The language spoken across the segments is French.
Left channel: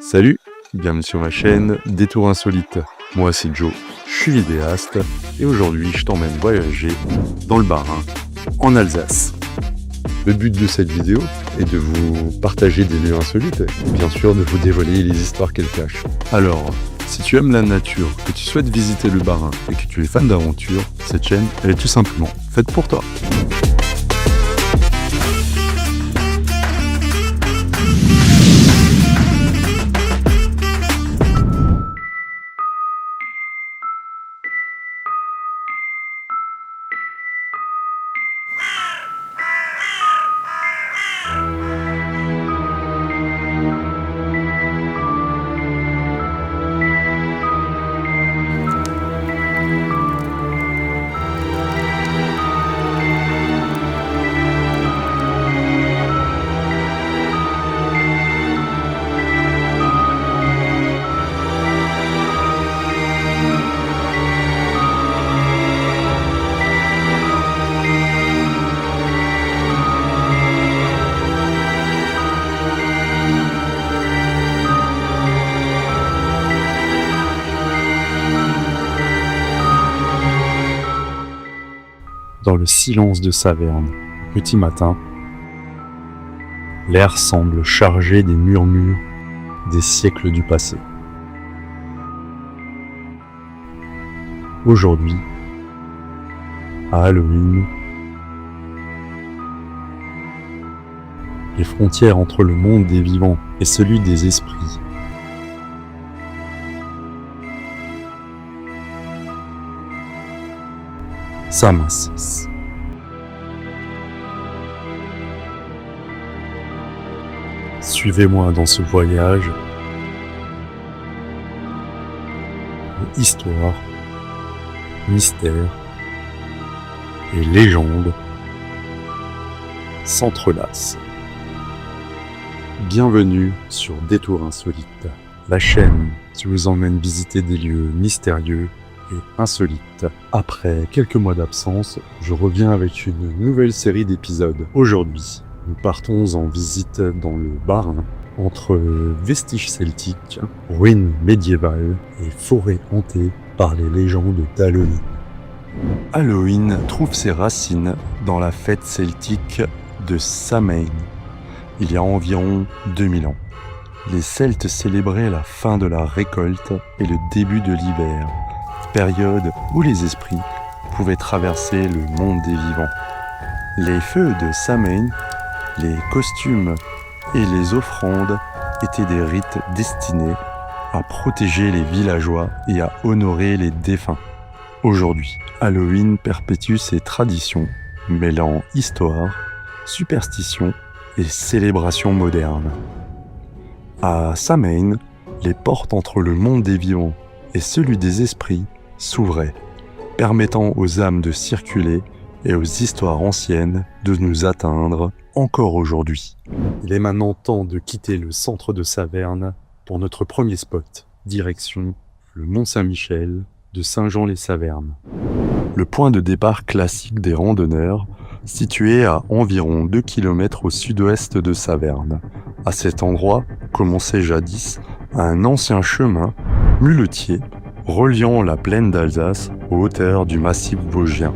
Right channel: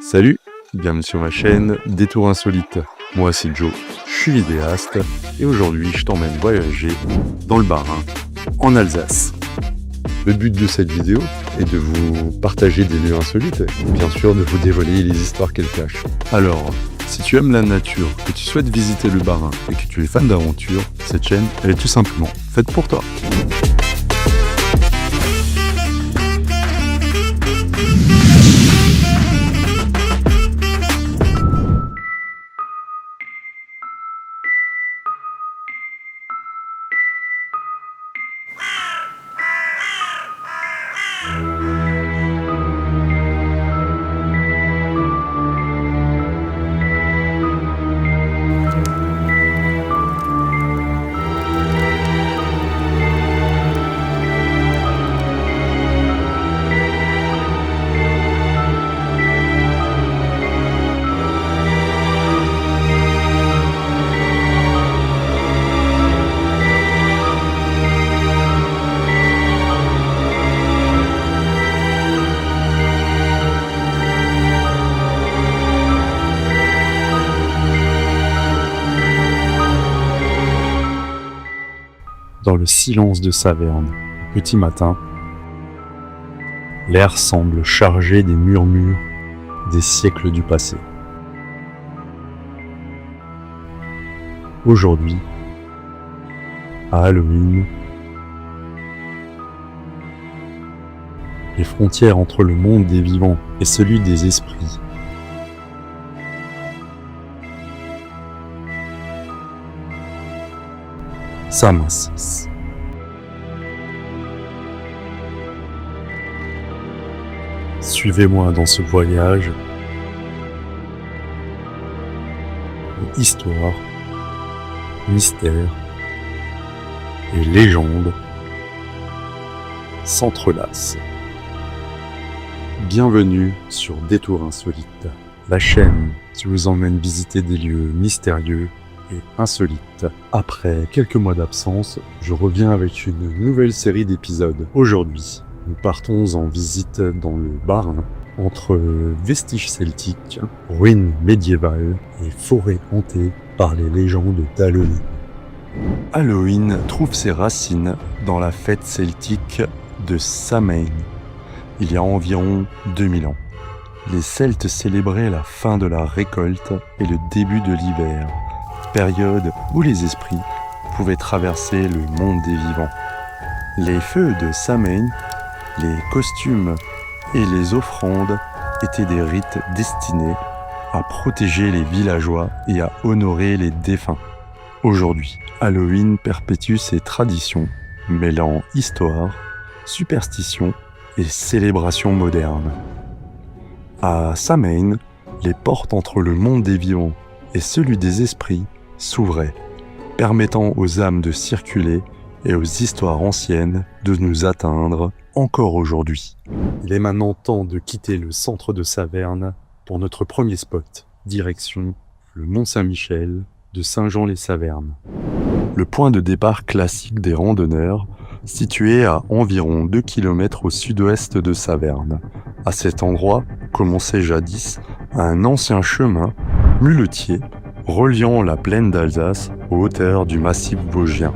Salut, bienvenue sur ma chaîne Détour Insolite. Moi c'est Joe, je suis vidéaste et aujourd'hui je t'emmène voyager dans le Bas-Rhin, en Alsace. Le but de cette vidéo est de vous partager des lieux insolites et bien sûr de vous dévoiler les histoires qu'elles cachent. Alors, si tu aimes la nature, que tu souhaites visiter le Bas-Rhin et que tu es fan d'aventure, cette chaîne elle est tout simplement faite pour toi. Dans le silence de Saverne, au petit matin, l'air semble chargé des murmures des siècles du passé. Aujourd'hui, à Halloween, les frontières entre le monde des vivants et celui des esprits s'amincissent. Suivez-moi dans ce voyage où histoire, mystère et légende s'entrelacent. Bienvenue sur Détour Insolite, la chaîne qui vous emmène visiter des lieux mystérieux et insolites. Après quelques mois d'absence, je reviens avec une nouvelle série d'épisodes. Aujourd'hui, nous partons en visite dans le Bas-Rhin, entre vestiges celtiques, ruines médiévales et forêts hantées par les légendes d'Halloween. Halloween trouve ses racines dans la fête celtique de Samhain, il y a environ 2000 ans. Les Celtes célébraient la fin de la récolte et le début de l'hiver, période où les esprits pouvaient traverser le monde des vivants. Les feux de Samhain, les costumes et les offrandes étaient des rites destinés à protéger les villageois et à honorer les défunts. Aujourd'hui, Halloween perpétue ses traditions, mêlant histoire, superstition et célébration moderne. À Samhain, les portes entre le monde des vivants et celui des esprits s'ouvraient, permettant aux âmes de circuler et aux histoires anciennes de nous atteindre encore aujourd'hui. Il est maintenant temps de quitter le centre de Saverne pour notre premier spot, direction le Mont Saint-Michel de Saint-Jean-les-Savernes. Le point de départ classique des randonneurs, situé à environ 2 km au sud-ouest de Saverne. À cet endroit commençait jadis un ancien chemin muletier reliant la plaine d'Alsace aux hauteurs du massif vosgien.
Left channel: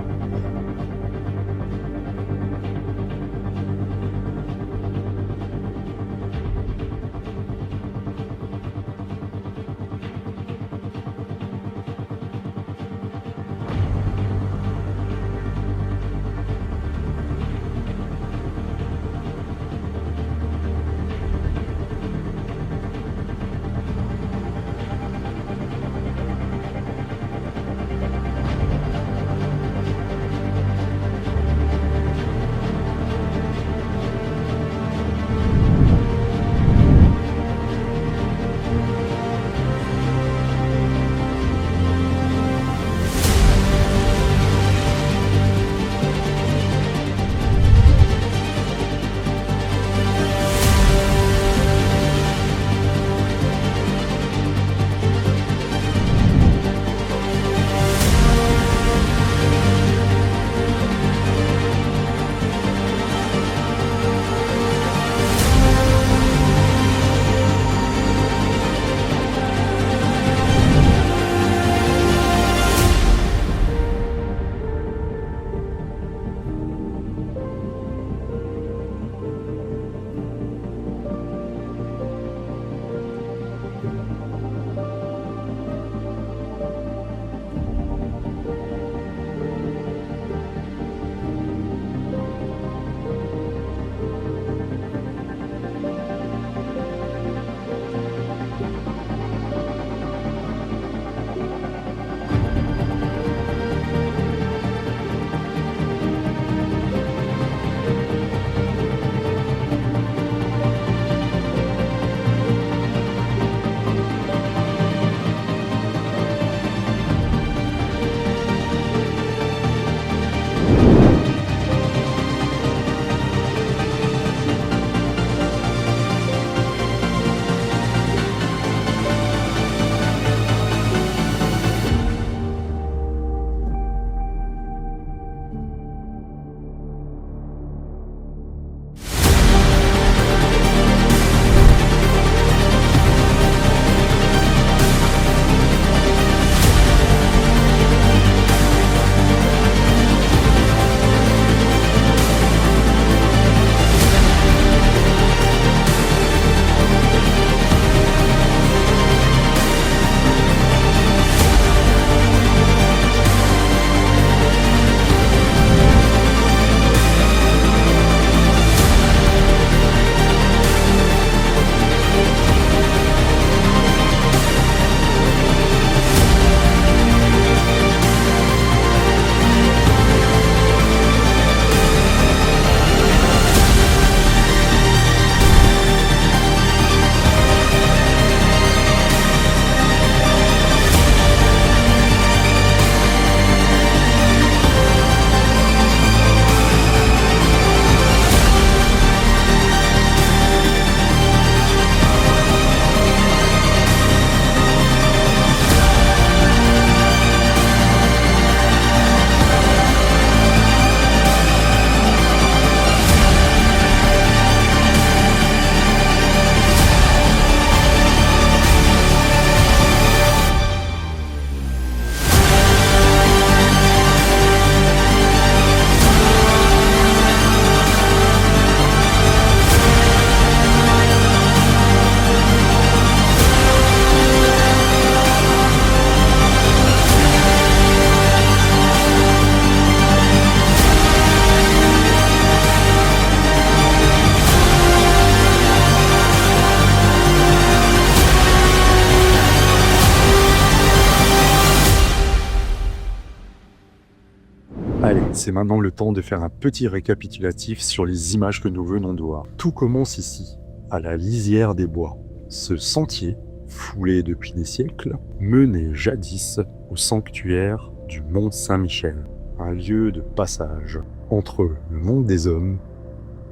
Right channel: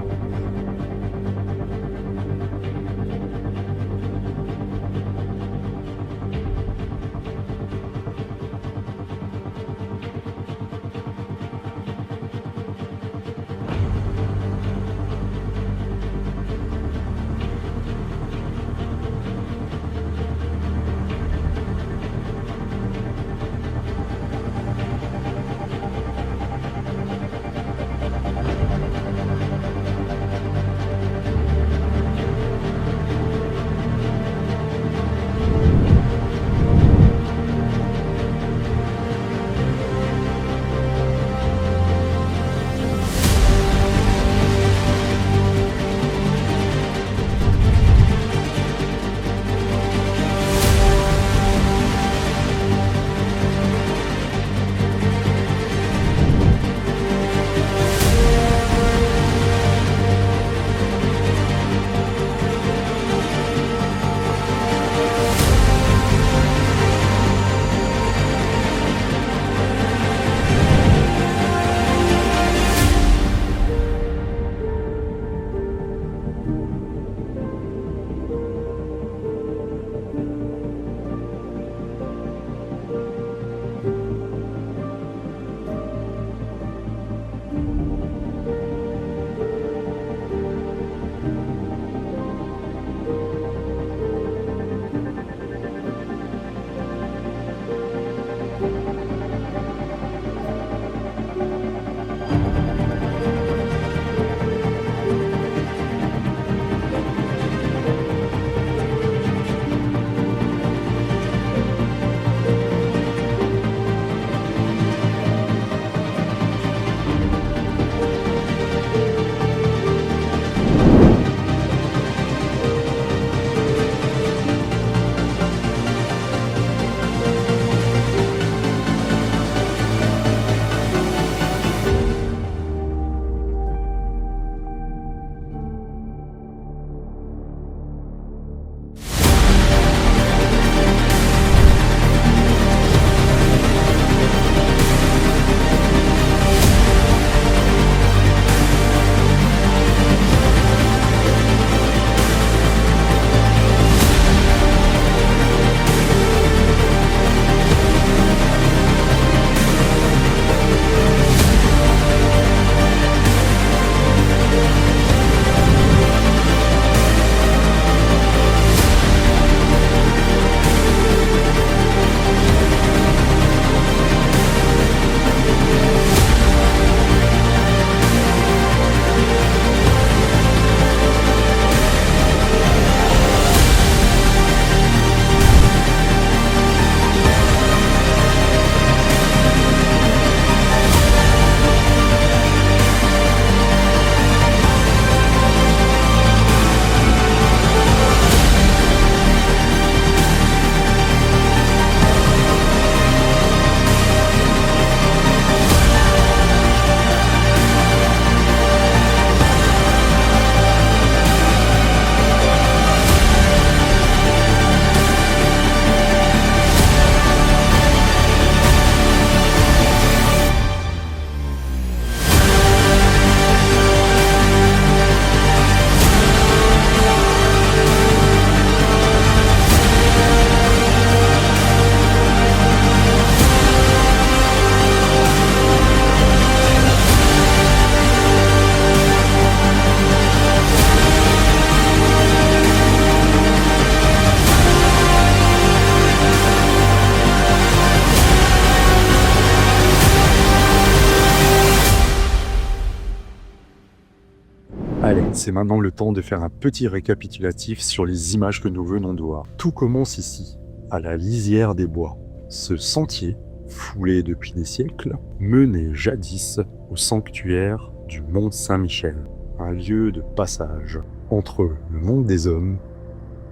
Allez, c'est maintenant le temps de faire un petit récapitulatif sur les images que nous venons de voir. Tout commence ici, à la lisière des bois. Ce sentier, foulé depuis des siècles, menait jadis au sanctuaire du Mont Saint-Michel, un lieu de passage entre le monde des hommes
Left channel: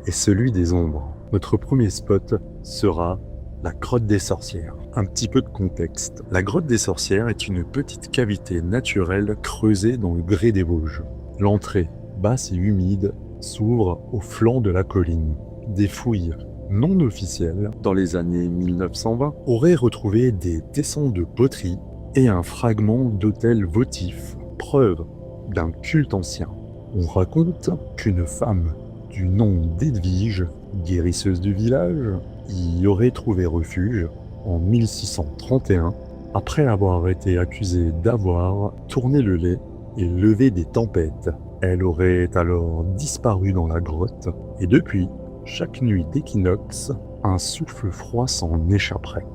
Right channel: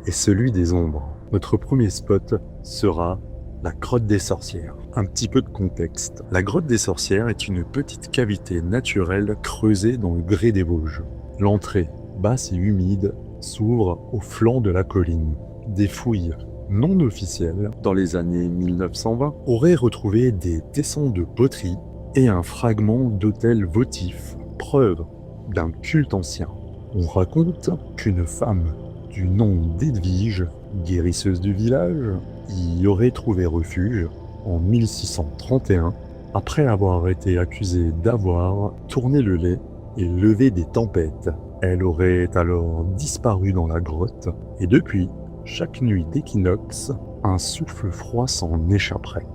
et celui des ombres. Notre premier spot sera la grotte des sorcières. Un petit peu de contexte. La grotte des sorcières est une petite cavité naturelle creusée dans le grès des Vosges. L'entrée, basse et humide, s'ouvre au flanc de la colline. Des fouilles non officielles, dans les années 1920, auraient retrouvé des tessons de poterie et un fragment d'autel votif, preuve d'un culte ancien. On raconte qu'une femme du nom d'Edwige, guérisseuse du village, y aurait trouvé refuge en 1631, après avoir été accusée d'avoir tourné le lait et levé des tempêtes. Elle aurait alors disparu dans la grotte, et depuis, chaque nuit d'équinoxe, un souffle froid s'en échapperait.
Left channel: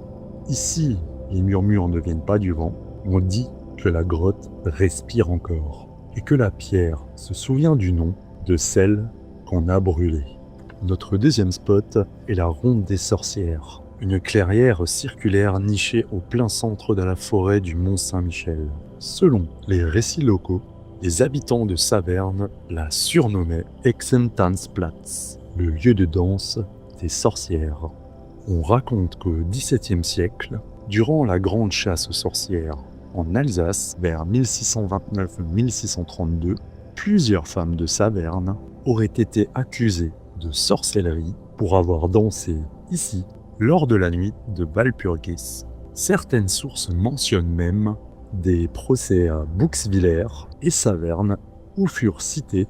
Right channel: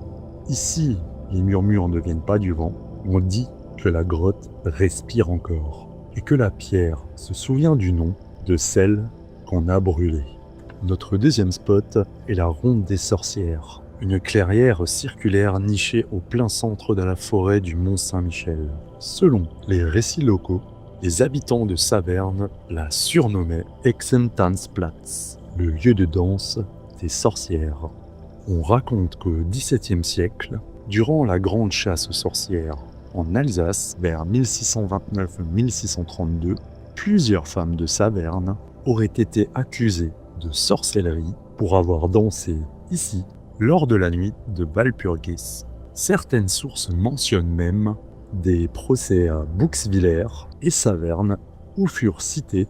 Ici, les murmures ne viennent pas du vent, on dit que la grotte respire encore, et que la pierre se souvient du nom de celle qu'on a brûlée. Notre deuxième spot est la ronde des sorcières, une clairière circulaire nichée au plein centre de la forêt du Mont Saint-Michel. Selon les récits locaux, les habitants de Saverne la surnommaient Exentanzplatz, le lieu de danse des sorcières. On raconte qu'au XVIIe siècle, durant la grande chasse aux sorcières en Alsace, vers 1629-1632, plusieurs femmes de Saverne auraient été accusées de sorcellerie pour avoir dansé ici lors de la nuit de Walpurgis. Certaines sources mentionnent même des procès à Bouxwiller et Saverne où furent citées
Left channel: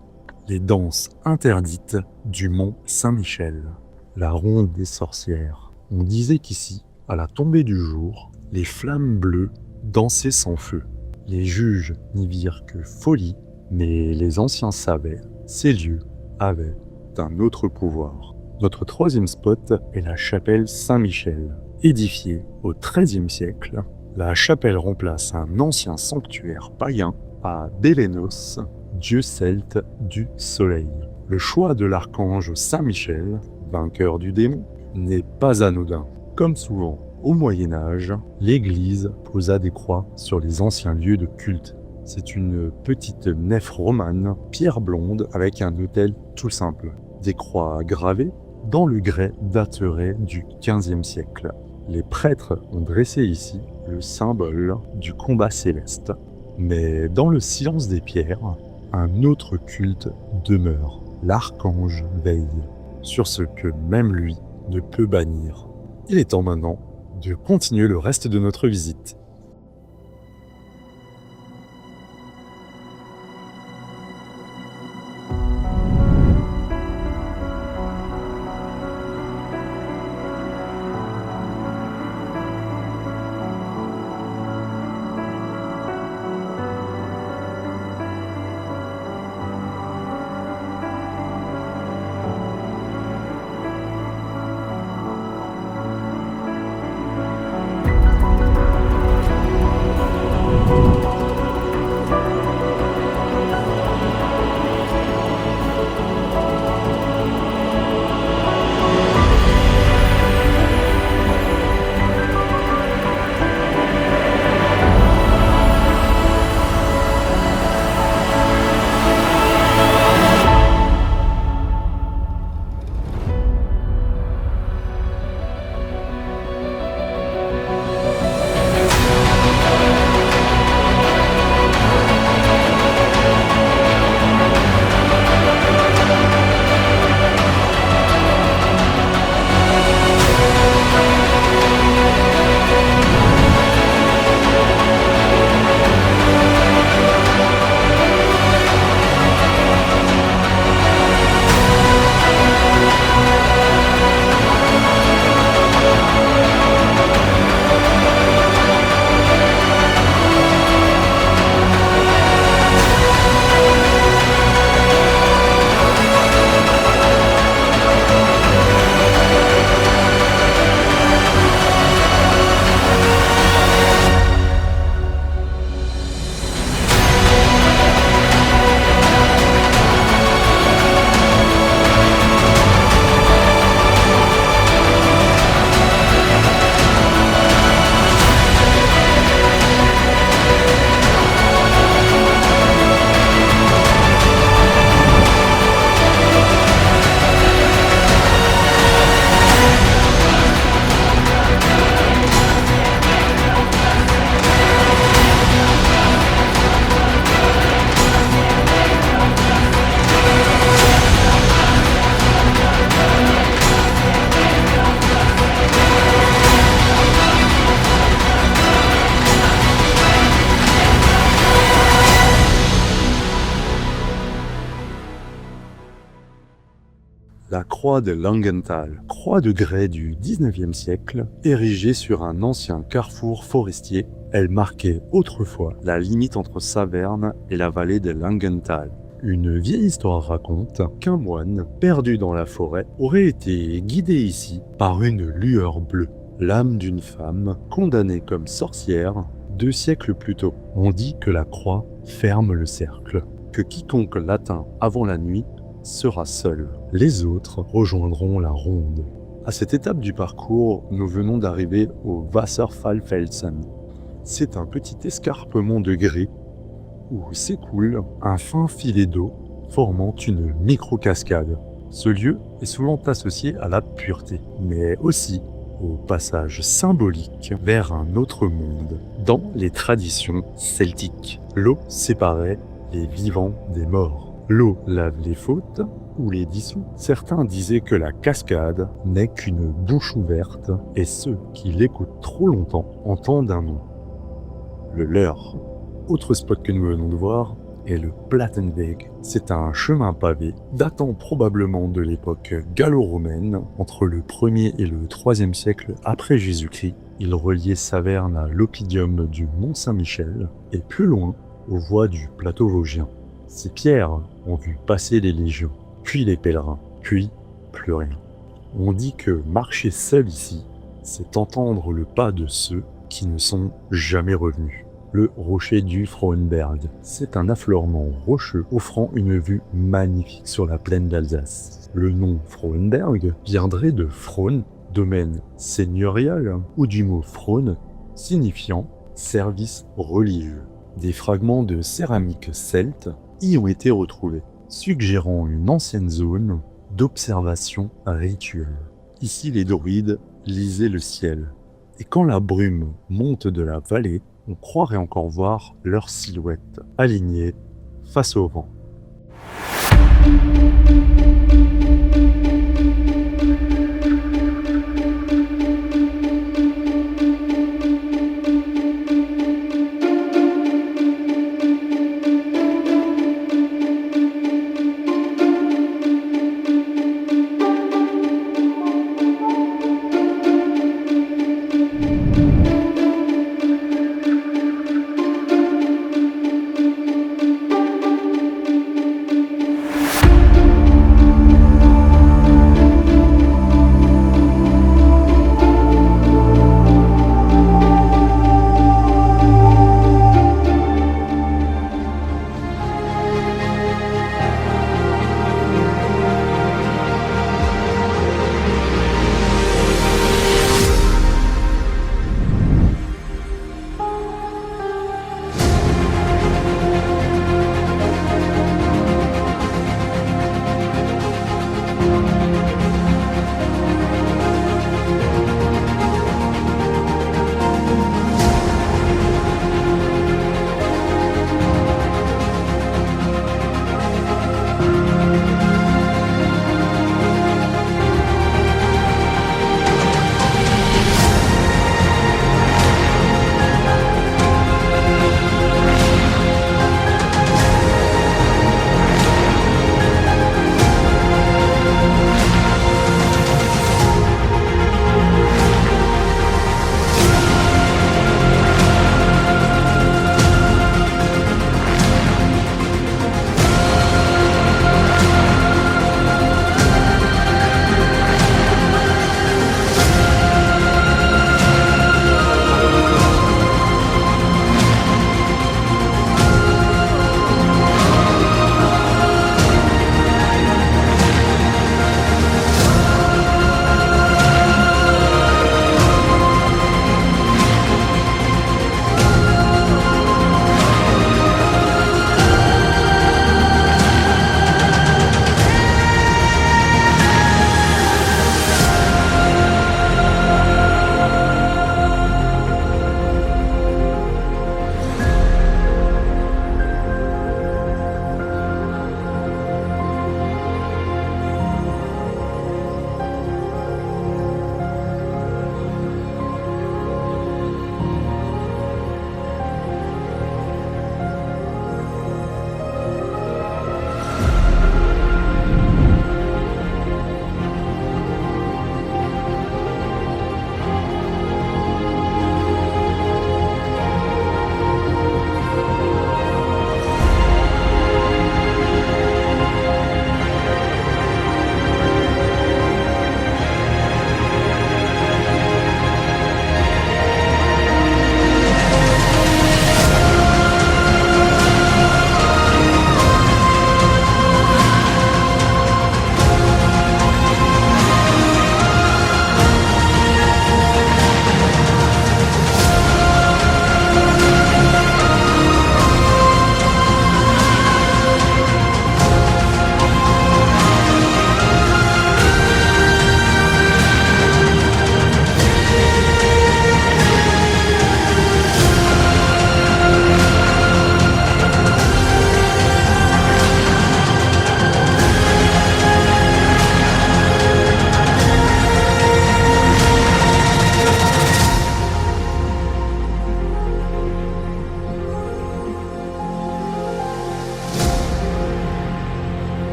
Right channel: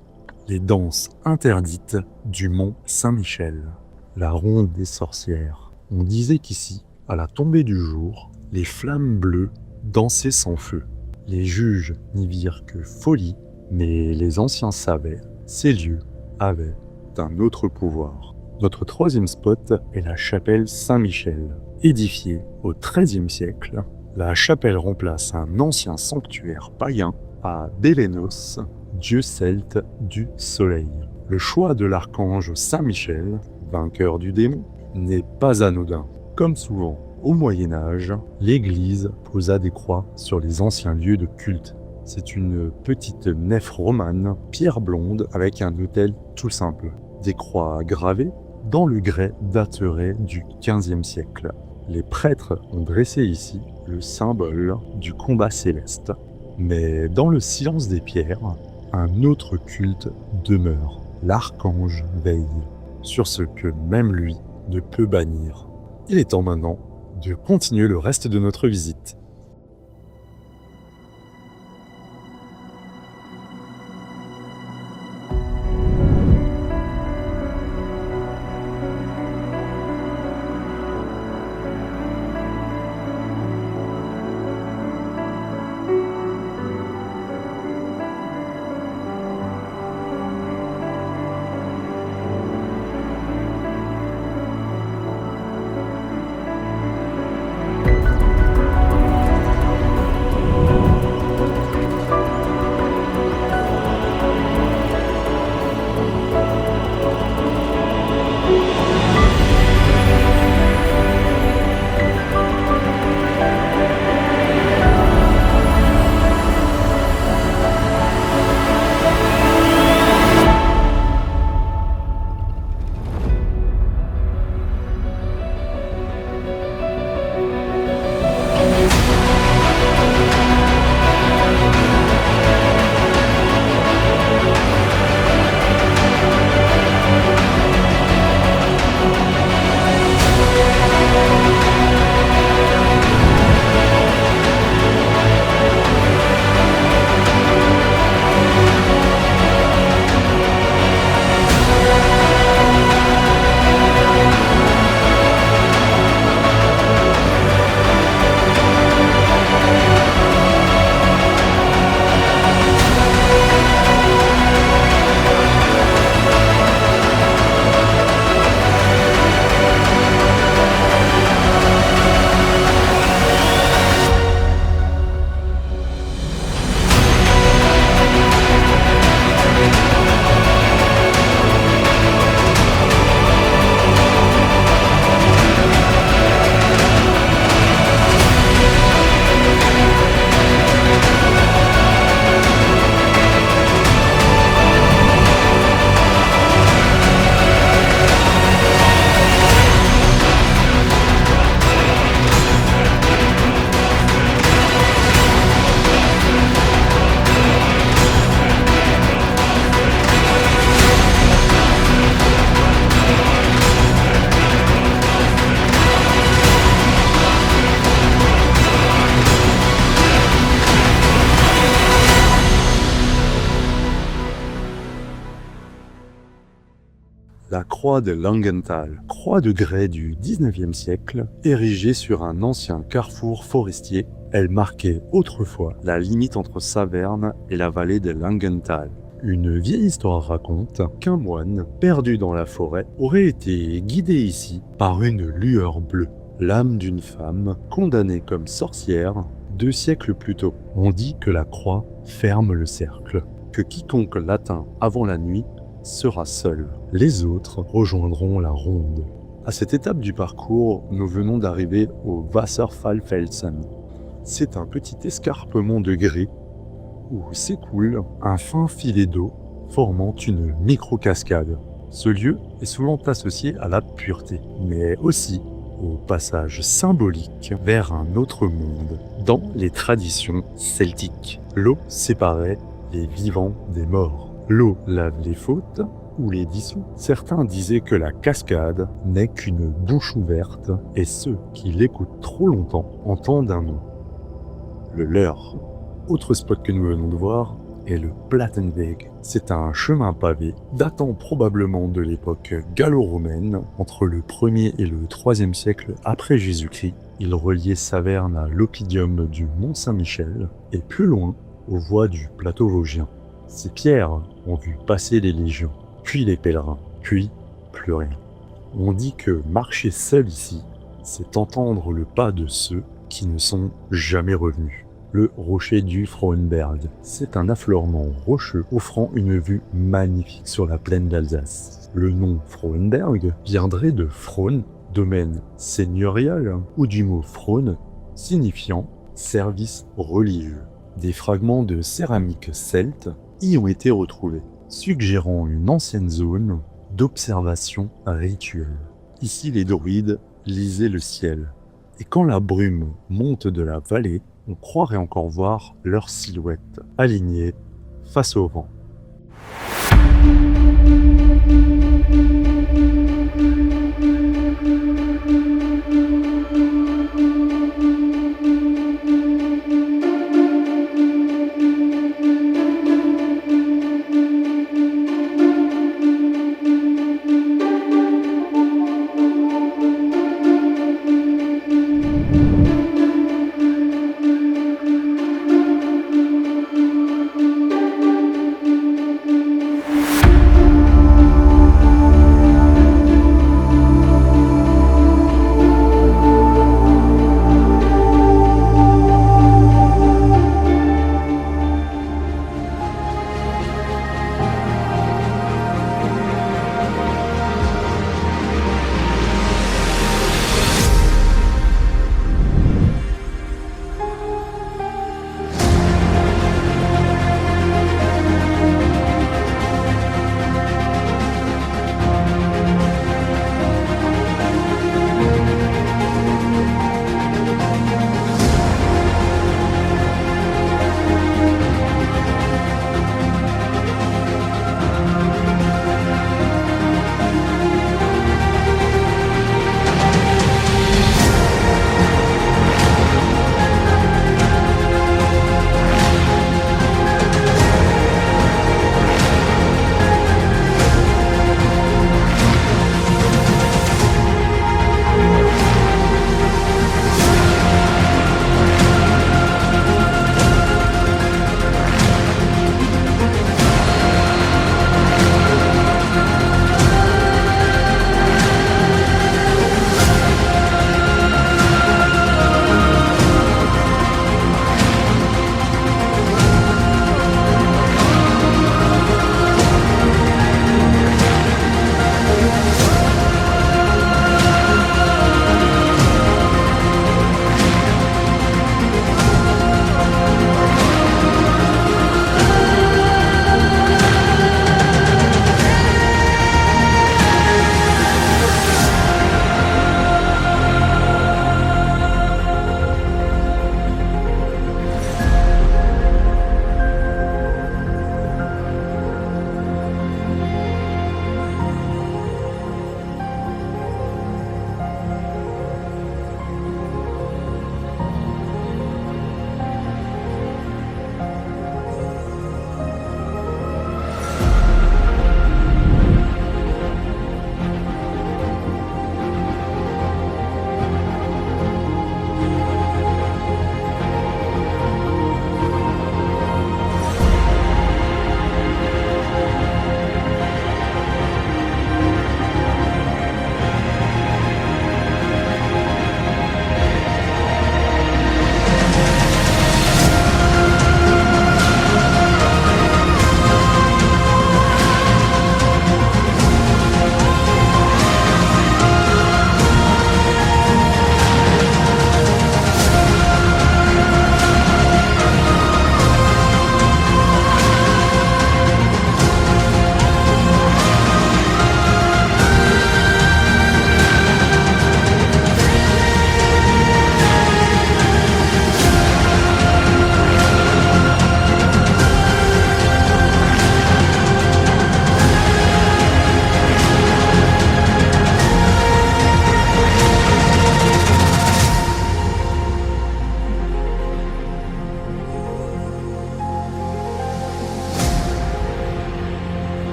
les danses interdites du Mont Saint-Michel. La ronde des sorcières. On disait qu'ici, À la tombée du jour, les flammes bleues dansaient sans feu. Les juges n'y virent que folie, mais les anciens savaient, ces lieux avaient un autre pouvoir. Notre troisième spot est la chapelle Saint-Michel. Édifiée au XIIIe siècle, la chapelle remplace un ancien sanctuaire païen à Bélénos, dieu celte du soleil. Le choix de l'archange Saint-Michel, vainqueur du démon, n'est pas anodin. Comme souvent au Moyen-Âge, l'Église posa des croix sur les anciens lieux de culte. C'est une petite nef romane, pierre blonde, avec un autel tout simple. Des croix gravées dans le grès dateraient du XVe siècle. Les prêtres ont dressé ici le symbole du combat céleste. Mais dans le silence des pierres, un autre culte demeure. L'archange veille sur ce que même lui ne peut bannir. Il est temps maintenant de continuer le reste de notre visite. La croix de Langenthal, croix de grès du XIXe siècle, érigée sur un ancien carrefour forestier, elle marquait autrefois la limite entre Saverne et la vallée de Langenthal. Une vieille histoire raconte qu'un moine, perdu dans la forêt, aurait été guidé ici par une lueur bleue, l'âme d'une femme condamnée comme sorcière 2 siècles plus tôt. On dit que la croix ferme le cercle, que quiconque l'atteint avant la nuit sera seul. Les autres rejoindront la ronde. À cette étape du parcours, nous venons d'arriver au Wasserfallfelsen. C'est un petit escarpement de grès où s'écoule un fin filet d'eau formant une micro-cascade. Ce lieu est souvent associé à la pureté, mais aussi au passage symbolique vers un autre monde dans les traditions celtiques. L'eau séparait les vivants des morts. L'eau lave les fautes ou les dissout. Certains disaient que la cascade n'est qu'une bouche ouverte et ceux qui l'écoutent trop longtemps entendent un nom. Le leur. Autre spot que nous venons de voir, est le Plattenweg. C'est un chemin pavé datant probablement de l'époque gallo-romaine, entre le 1er et le 3e siècle après Jésus-Christ. Il reliait Saverne à l'oppidum du Mont-Saint-Michel et plus loin aux voies du plateau vosgien. Ces pierres ont vu passer les légions, puis les pèlerins, puis plus rien. On dit que marcher seul ici, c'est entendre le pas de ceux qui ne sont jamais revenus. Le rocher du Frauenberg, c'est un affleurement rocheux offrant une vue magnifique sur la plaine d'Alsace. Le nom Frauenberg viendrait de Fraune, domaine seigneurial, ou du mot Fraune, signifiant service religieux. Des fragments de céramique celte y ont été retrouvés, suggérant une ancienne zone d'observation rituelle. Ici, les druides lisaient le ciel, et quand la brume monte de la vallée, on croirait encore voir leur silhouette alignée face au vent.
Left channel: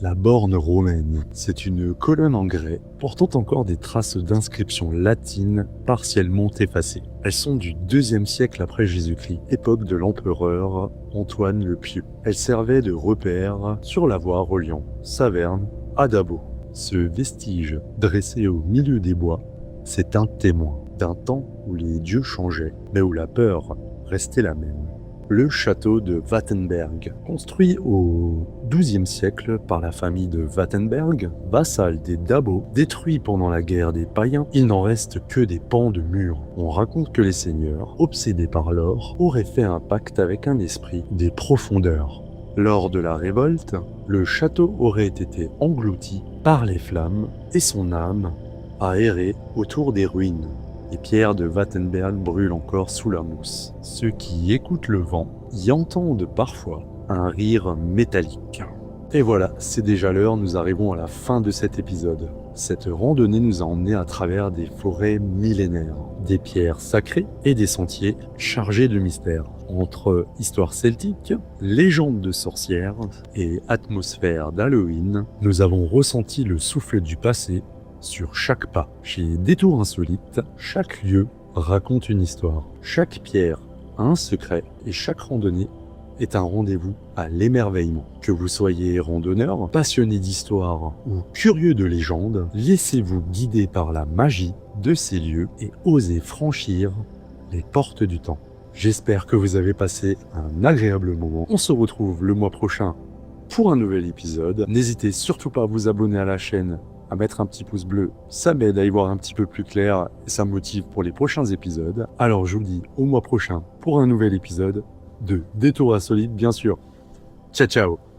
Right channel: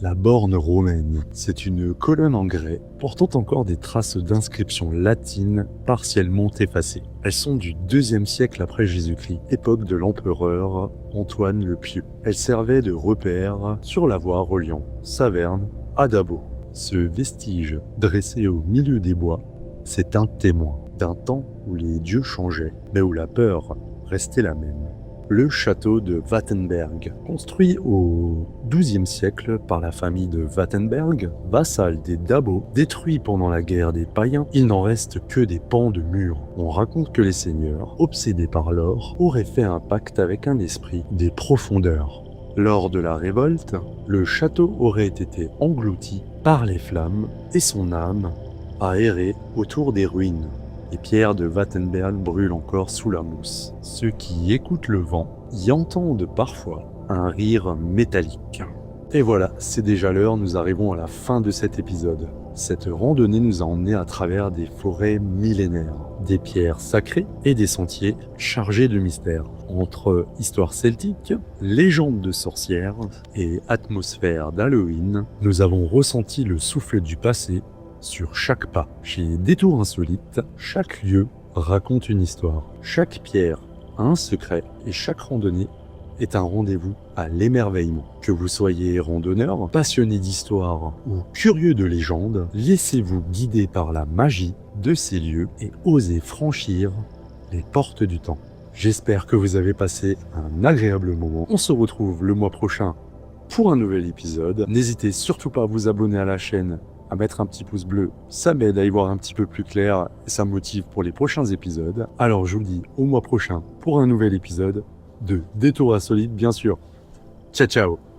la borne romaine. C'est une colonne en grès portant encore des traces d'inscriptions latines partiellement effacées. Elles sont du IIe siècle après Jésus-Christ, époque de l'empereur Antoine le Pieux. Elles servaient de repère sur la voie reliant Saverne à Dabo. Ce vestige dressé au milieu des bois, c'est un témoin d'un temps où les dieux changeaient, mais où la peur restait la même. Le château de Wattenberg, construit au XIIe siècle par la famille de Wattenberg, vassal des Dabo, détruit pendant la guerre des païens, il n'en reste que des pans de murs. On raconte que les seigneurs, obsédés par l'or, auraient fait un pacte avec un esprit des profondeurs. Lors de la révolte, le château aurait été englouti par les flammes et son âme a erré autour des ruines. Les pierres de Wattenberg brûlent encore sous la mousse. Ceux qui écoutent le vent y entendent parfois un rire métallique. Et voilà, c'est déjà l'heure, nous arrivons à la fin de cet épisode. Cette randonnée nous a emmenés à travers des forêts millénaires, des pierres sacrées et des sentiers chargés de mystères. Entre histoire celtique, légendes de sorcières et atmosphère d'Halloween, nous avons ressenti le souffle du passé sur chaque pas. Chez Détour Insolite, chaque lieu raconte une histoire. Chaque pierre a un secret et chaque randonnée est un rendez-vous à l'émerveillement. Que vous soyez randonneur, passionné d'histoire ou curieux de légendes, laissez-vous guider par la magie de ces lieux et osez franchir les portes du temps. J'espère que vous avez passé un agréable moment. On se retrouve le mois prochain pour un nouvel épisode. N'hésitez surtout pas à vous abonner à la chaîne, à mettre un petit pouce bleu, ça m'aide à y voir un petit peu plus clair et ça me motive pour les prochains épisodes. Alors je vous dis au mois prochain pour un nouvel épisode de Détour Insolite bien sûr. Ciao ciao.